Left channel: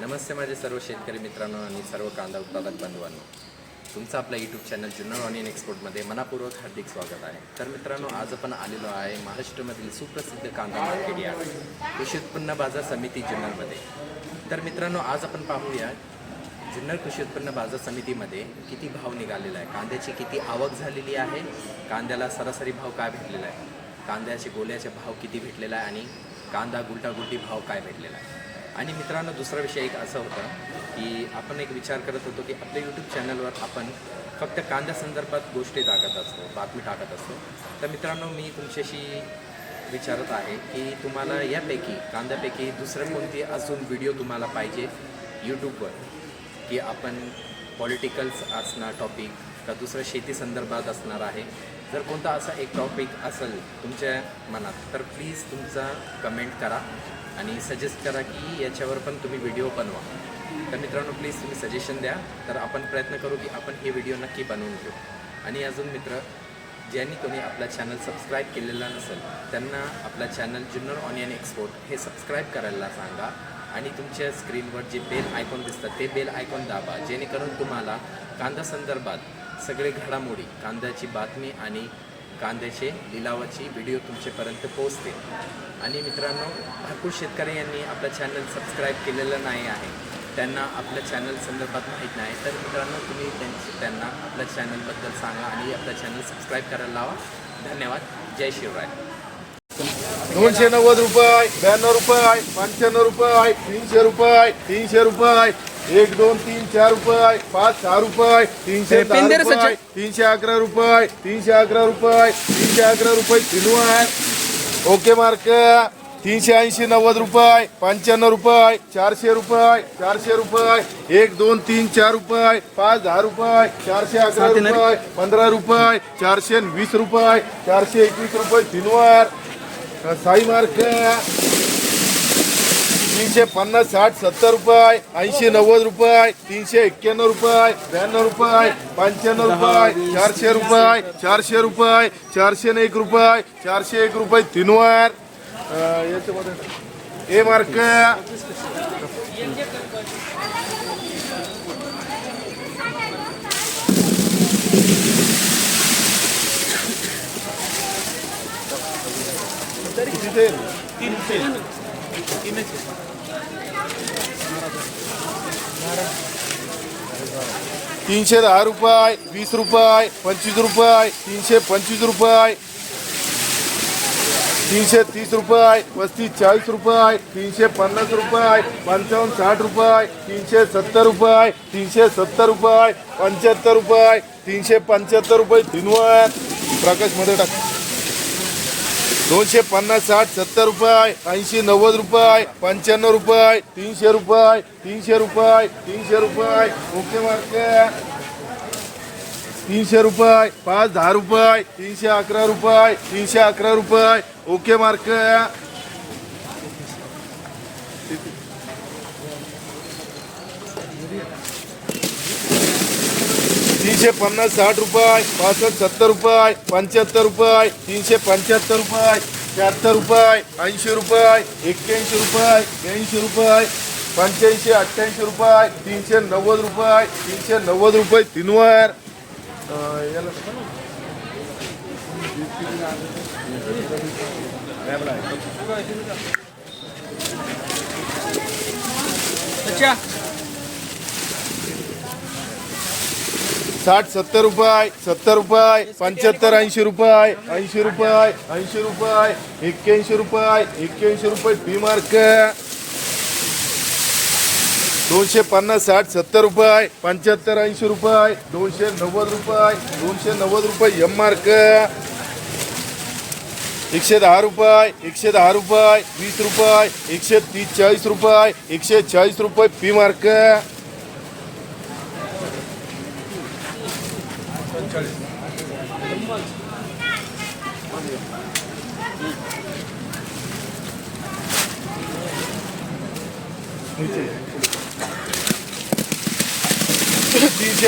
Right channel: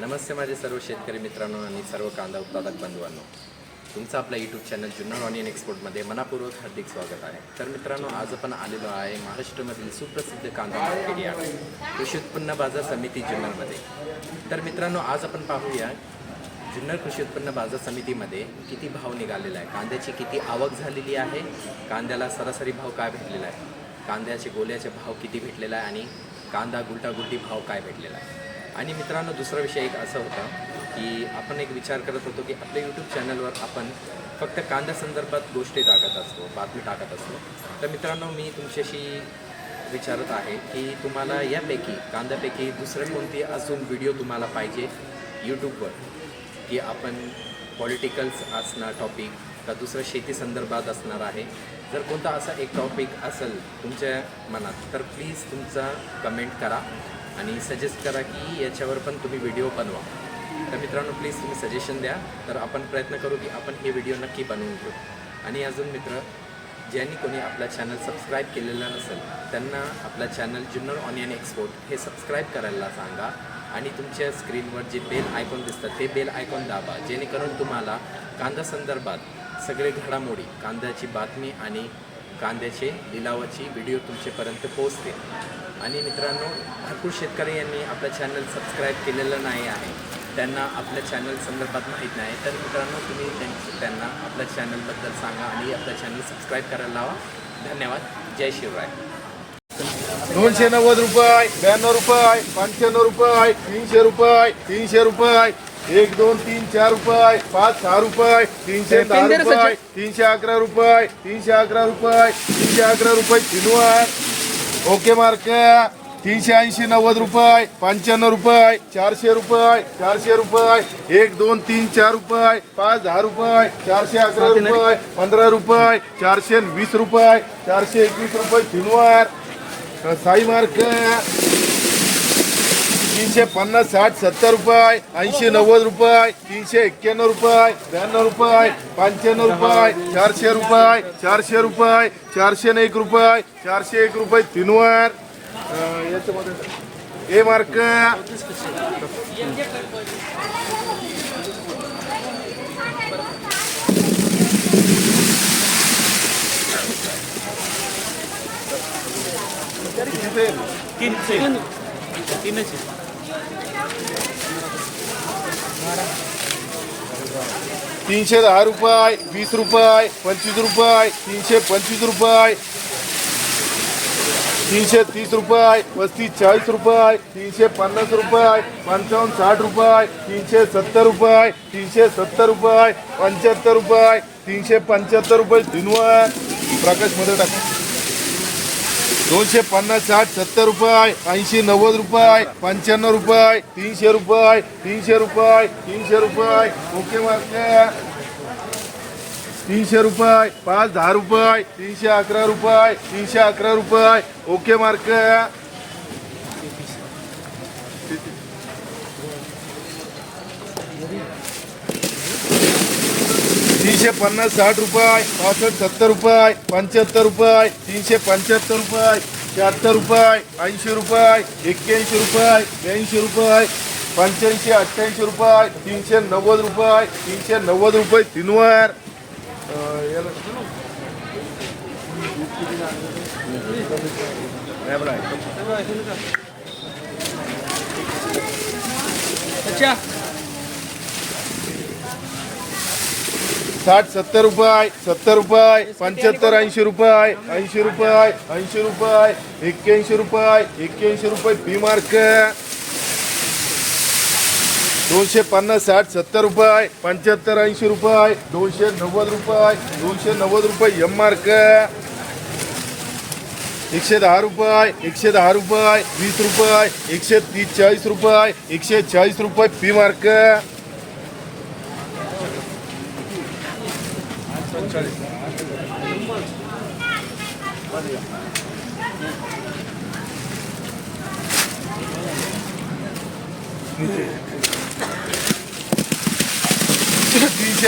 नमस्ते माझे सर्व शेतकरी मित्रांनो आणि सर्व कांदा उत्पादक बंधूंनो. तुमचं आपलं यूट्यूब चॅनल जुन्नर ऑनियन एक्सपोर्टमध्ये मनापूर्वक हार्दिक स्वागत आहे. तर मित्रांनो आज आपण आलेलो आहे महाराष्ट्रामधील सुप्रसिद्ध कांदा मार्केट यार्ड कृषी उत्पन्न बाजार समिती जुन्नरमध्ये तर मित्रांनो आज आपण पाहूया जुन्नर कृषी उत्पन्न बाजार समितीमध्ये किती भाव निघालेला आहे कांद्याची किती आवक झालेली आहे कांद्याला सरासरी भाव काय भेटलेला आहे कांद्याचे गोल्याचे भाव किती भेटलेला आहे आणि कांदा गुलटागुलटी भाव काय भेटलेला आहे. आणि मित्रांनो दुसरा विषय एक असा होता की आपण एक विचार करत होतो की आपल्या यूट्यूब चॅनलवर आपण फक्त कांद्या संदर्भात गोष्टी टाकत असतो बातमी टाकत असतो. तर मित्रांनो मी तुमच्याशी विचारत आहे की तुम्हाला यापैकी कांद्यापैकी दुसरं कोणती अजून व्हिडिओ तुम्हाला पाहिजे यूट्यूबवर की आपण पॉलिटिकल्स असणार टॉपिक का दुसरं शेती संदर्भात असणार आहे? जर कोणता असा एक टॉपिक असेल तुमच्या मनात तर प्लीज तुमचा कमेंट करा आणि सजेस्ट करा की याच्यावर पण तुम्ही व्हिडिओ बनवा. तर मित्रांनो प्लीज तुम्ही सजेशन द्या. तर आपण प्रयत्न करू की आपण हे व्हिडिओ नक्की बनवून घेऊ. आणि अजून मित्र ज्यांनी कोणी आपला चॅनल सबस्क्राईब केलेला नसेल त्यांना आपला चॅनल जुन्नर ऑनियन एक्सपोर्ट हे सबस्क्राईब करायला सांगा. आणि तुमच्या स्क्रीनवर जे बेल आयकॉन दिसतात ते बेल आयकॉन दाबा. जेणेकरून तुम्हाला कांदा संदर्भात सगळे घडामोडी कांद्याची बातमी आणि कांद्याचे लिलावाची व्हिडिओ तुमच्यापर्यंत पोहोचतील. आणि मित्रांनो भरपूर शेतकरी यांनी आपलं चॅनल सबस्क्राईब केलेलं नाही आहे. त्यांना आपल्या चॅनल संदर्भात माहीत नाही. तर मित्रांनो तुम्ही त्यांची त्यांना आपल्या चॅनलबद्दल सांगा आणि आपलं चॅनल सबस्क्राईब करायला लावा. धन्यवाद. जय शिवराय. दोनशे नव्वद रुपये ब्याण्णव रुपये पंच्याण्णव रुपये तीनशे रुपये तीनशे रुपये. एक दोन तीन चार रुपये पाच सहा रुपये तीनशे दहा रुपये तीनशे अकरा रुपये तीनशे अकरा रुपये तीनशे अकरा रुपये किलो आहे. Okay mark. तीनशे ऐंशी नव्वद रुपये पंच्याण्णव रुपये चारशे रुपये चारशे रुपये एक दोन तीन चार रुपये पाच दहा रुपये चारशे अकरा रुपये पंधरा रुपये चारशे वीस रुपये चारशे एकवीस रुपये किलोवर साई मार्क. तीनशे पन्नास साठ सत्तर रुपये ऐंशी नव्वद रुपये तीनशे एक्क्याण्णव रुपये ब्याण्णव रुपये पंच्याण्णव रुपये चारशे रुपये चारशे रुपये चारशे न एक रुपये चारशे एक रुपये तीनवर. अं, याच्यामध्ये तीनशे. तीनशे. तीनशे दहा रुपये वीस रुपये पंचवीस रुपये तीनशे पंचवीस रुपये तीनशे तीस रुपये पस्तीस चाळीस रुपये तीनशे पन्नास रुपये पंचावन्न साठ रुपये तीनशे सत्तर रुपये तीनशे सत्तर रुपये पंच्याहत्तर रुपये तीनशे पंच्याहत्तर रुपये तीनवर प्रकाशमध्ये टाका. दोनशे पन्नास साठ सत्तर रुपये ऐंशी नव्वद रुपये पंच्याण्णव रुपये तीनशे रुपये तीनशे रुपये तीनशे रुपये ओके मार्क. तीनशे रुपये पाच दहा रुपये तीनशे अकरा रुपये तीनशे अकरा रुपये ओके मार्क. तीनशे पन्नास साठ रुपये पासष्ट सत्तर रुपये पंच्याहत्तर रुपये तीनशे पंच्याहत्तर रुपये शहात्तर रुपये ऐंशी रुपये एक्क्याऐंशी रुपये ब्याऐंशी रुपये पंच्याऐंशी अठ्ठ्याऐंशी रुपये तीनशे नव्वद रुपये तीनशे नव्वद रुपये तीनवर. अच्छा. साठ सत्तर रुपये सत्तर रुपये पंच्याहत्तर ऐंशी रुपये ऐंशी रुपये ऐंशी रुपये एक्क्याऐंशी रुपये एक्क्याऐंशी रुपये पी मार्क दोनशे पन्नास साठ सत्तर रुपये पंच्याहत्तर ऐंशी रुपये दोनशे नव्वद रुपये दोनशे नव्वद रुपये एम मार्क एकशे दहा रुपये एकशे दहा रुपये वीस रुपये एकशे तीस चाळीस रुपये एकशे चाळीस रुपये पी मार्क तीनशे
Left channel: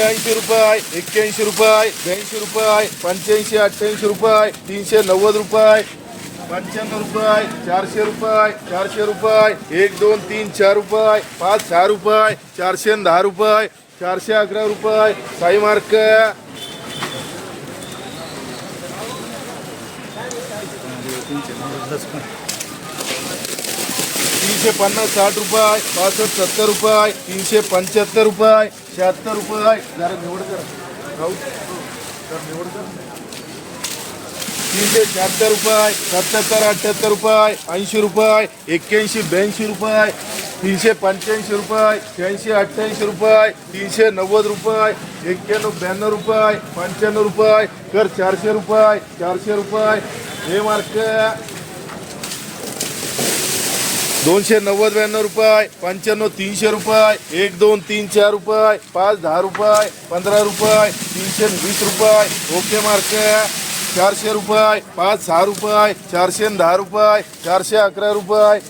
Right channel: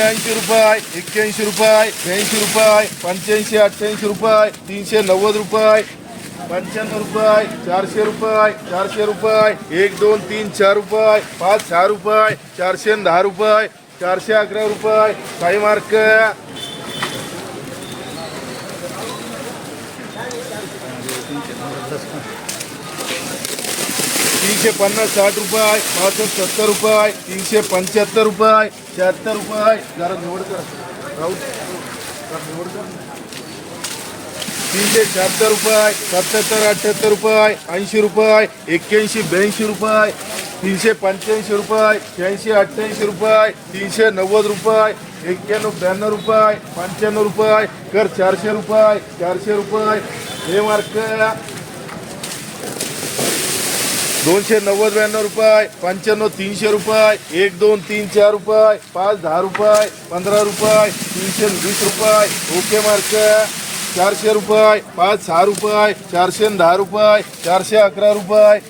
ऐंशी रुपये, एक्क्याऐंशी रुपये, ब्याऐंशी रुपये, पंच्याऐंशी, अठ्ठ्याऐंशी रुपये, तीनशे नव्वद रुपये, पंच्याण्णव रुपये, चारशे रुपये चारशे रुपये, एक, दोन, तीन, चार रुपये, पाच, सहा रुपये, चारशे दहा रुपये, चारशे अकरा रुपये, काही मार्क. तीनशे पन्नास साठ रुपये पासष्ट सत्तर रुपये तीनशे पंच्याहत्तर रुपये शहात्तर रुपये. जरा निवड कर. राहू निवड कर. तीनशे शहात्तर रुपये सत्याहत्तर अठ्ठ्याहत्तर रुपये ऐंशी रुपये एक्क्याऐंशी ब्याऐंशी रुपये तीनशे पंच्याऐंशी रुपये शहाऐंशी अठ्ठ्याऐंशी रुपये तीनशे नव्वद रुपये एक्क्याण्णव ब्याण्णव रुपये पंच्याण्णव रुपये कर चारशे रुपये चारशे रुपये. हे मार्क दोनशे नव्वद ब्याण्णव रुपये पंच्याण्णव तीनशे रुपये एक दोन तीन चार रुपये पाच दहा रुपये पंधरा रुपये तीनशे वीस रुपये. Okay mark. चारशे रुपये पाच सहा रुपये चारशे दहा रुपये चारशे अकरा रुपये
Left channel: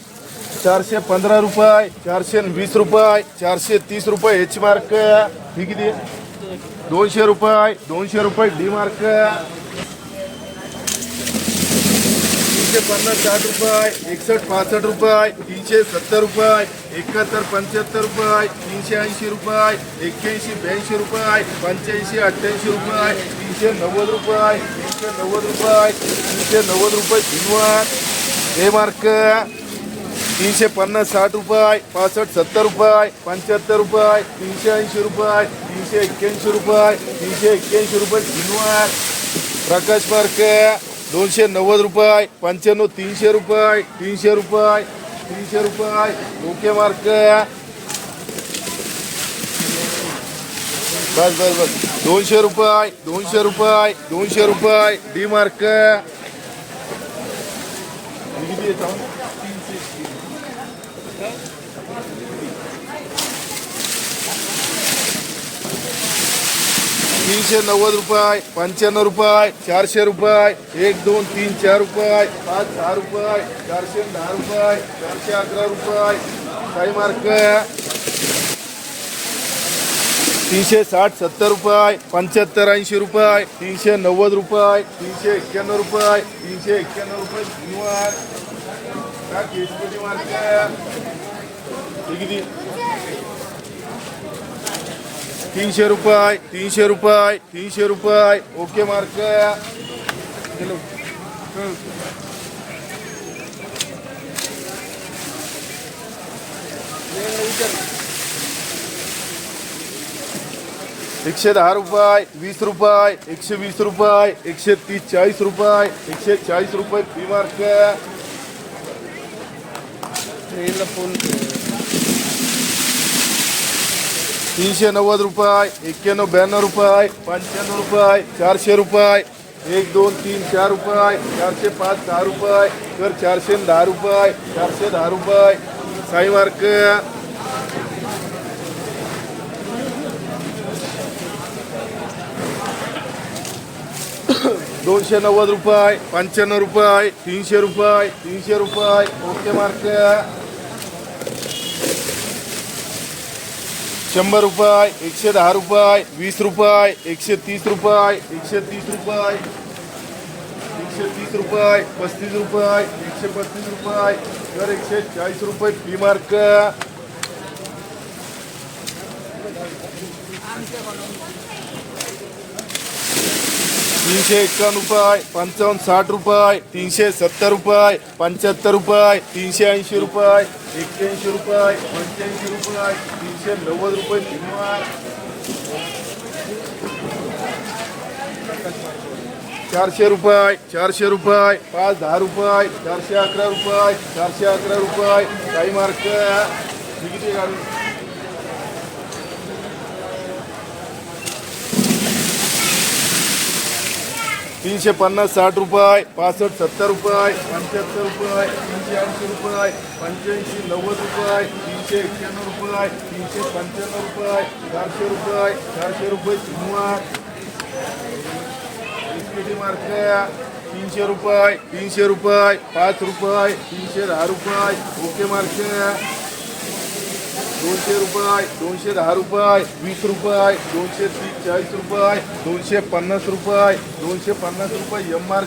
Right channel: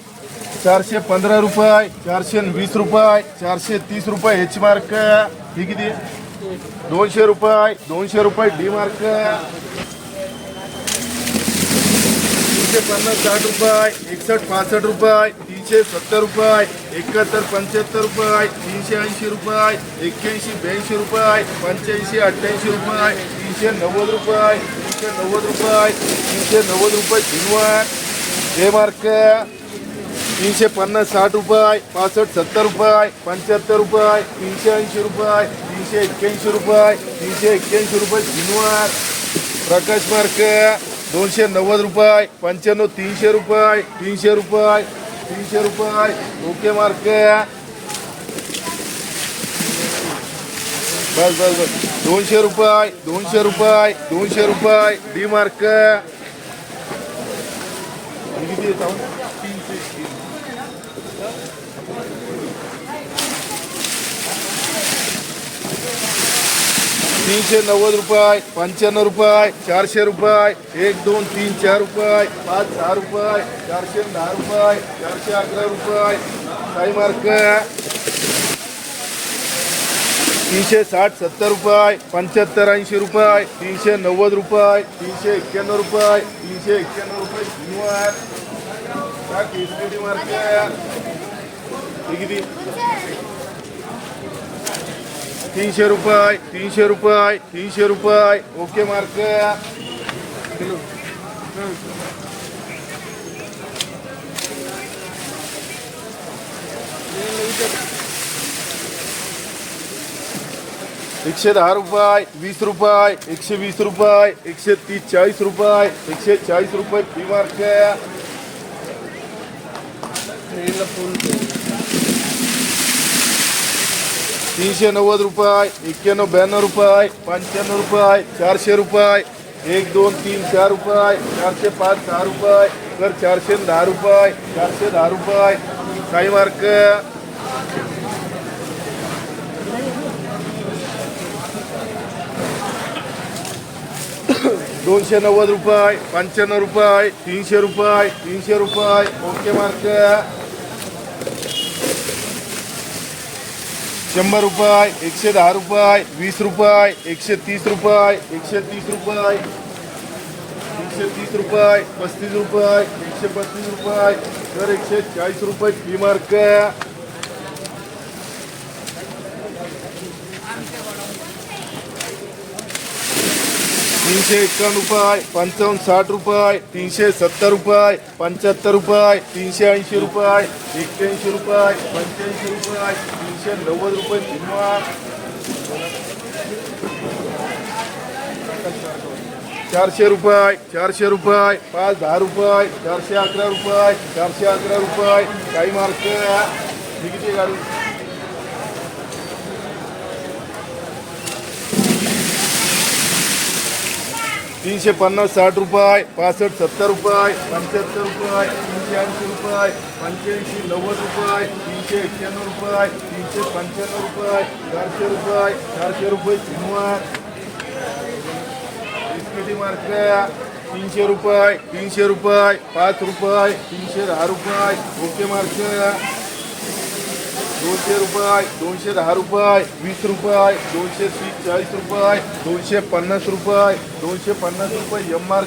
चारशे पंधरा रुपये चारशे वीस रुपये चारशे तीस रुपये एच मार्क ही किती दोनशे रुपये दोनशे रुपये डी मार्क तीनशे पन्नास साठ रुपये एकसष्ट पासष्ट रुपये तीनशे सत्तर रुपये एकाहत्तर पंच्याहत्तर रुपये तीनशे ऐंशी रुपये एक्क्याऐंशी ब्याऐंशी रुपये पंच्याऐंशी अठ्ठ्याऐंशी रुपये तीनशे नव्वद रुपये तीनशे नव्वद रुपये तीनशे नव्वद रुपये झिनवार हे मार्क तीनशे पन्नास साठ रुपये पासष्ट सत्तर रुपये पंच्याहत्तर रुपये तीनशे ऐंशी रुपये तीनशे एक्क्याऐंशी रुपये तीनशे एक्क्याऐंशी रुपये झिनवार प्रकाश मार्क दोनशे नव्वद रुपये पंच्याण्णव तीनशे रुपये तीनशे रुपये तीनशे रुपये. Okay mark. बस बस बस. दोनशे रुपये दोनशे रुपये दोनशे रुपये. डी मार्क हे किती आहे सांग? तीनशे नव्वद रुपये पंच्याण्णव रुपये चारशे रुपये एक दोन तीन चार रुपये पाच सहा रुपये चारशे दहा रुपये चारशे अकरा रुपये. काही मार्क तीनशे साठ सत्तर रुपये पंच्याहत्तर ऐंशी रुपये तीनशे नव्वद रुपये तीनशे एक्क्याण्णव रुपये तीनशे एक्क्याण्णव रुपये धन्यवाद का मार्क किती? तीनशे रुपये तीनशे रुपये तीनशे रुपये. Okay, mark. एकशे दहा रुपये, वीस रुपये, एकशे वीस रुपये, एकशे तीस, चाळीस रुपये, एकशे चाळीस रुपये फ़ी मार्क तीनशे नव्वद रुपये एक्क्याण्णव ब्याण्णव रुपये पंच्याण्णव रुपये चारशे रुपये एक दोन तीन चार रुपये चारशे पाच दहा रुपये तर चारशे दहा रुपये चारशे दहा रुपये. साई मार्क. दोनशे नव्वद रुपये पंच्याण्णव रुपये तीनशे रुपये तीनशे रुपये. Okay mark. शंभर रुपये एकशे दहा रुपये वीस रुपये एकशे तीस रुपये एकशे तीस रुपये एकशे तीस रुपये पस्तीस रुपये एकशे पस्तीस रुपये तर एकशे चाळीस रुपये फी मार्क तीनशे एक्कावन्न रुपये पंचावन्न साठ रुपये तीनशे सत्तर रुपये पंच्याहत्तर रुपये तीनशे ऐंशी रुपये एक्क्याऐंशी रुपये पंच्याऐंशी रुपये तीनशे नव्वद रुपये किंवा चारशे रुपये चारशे रुपये पाच दहा रुपये चारशे अकरा रुपये चारशे अकरा रुपये काही मार्क. किती गाडी. तीनशे पन्नास साठ रुपये पासष्ट सत्तर रुपये पंच्याहत्तर रुपये तीनशे ऐंशी रुपये पंच्याऐंशी नव्वद रुपये तीनशे एक्क्याण्णव रुपये तीनशे पंच्याण्णव रुपये चारशे रुपये चारशे रुपये शनिवार इस्पिटी मार्क तीनशे रुपये तीनशे रुपये पाच रुपये तीनशे दहा रुपये ओके मार्क दोनशे रुपये दोनशे दहा रुपये वीस रुपये दोनशे तीस चाळीस रुपये दोनशे पन्नास रुपये दोनशे पन्नास रुपये एम आर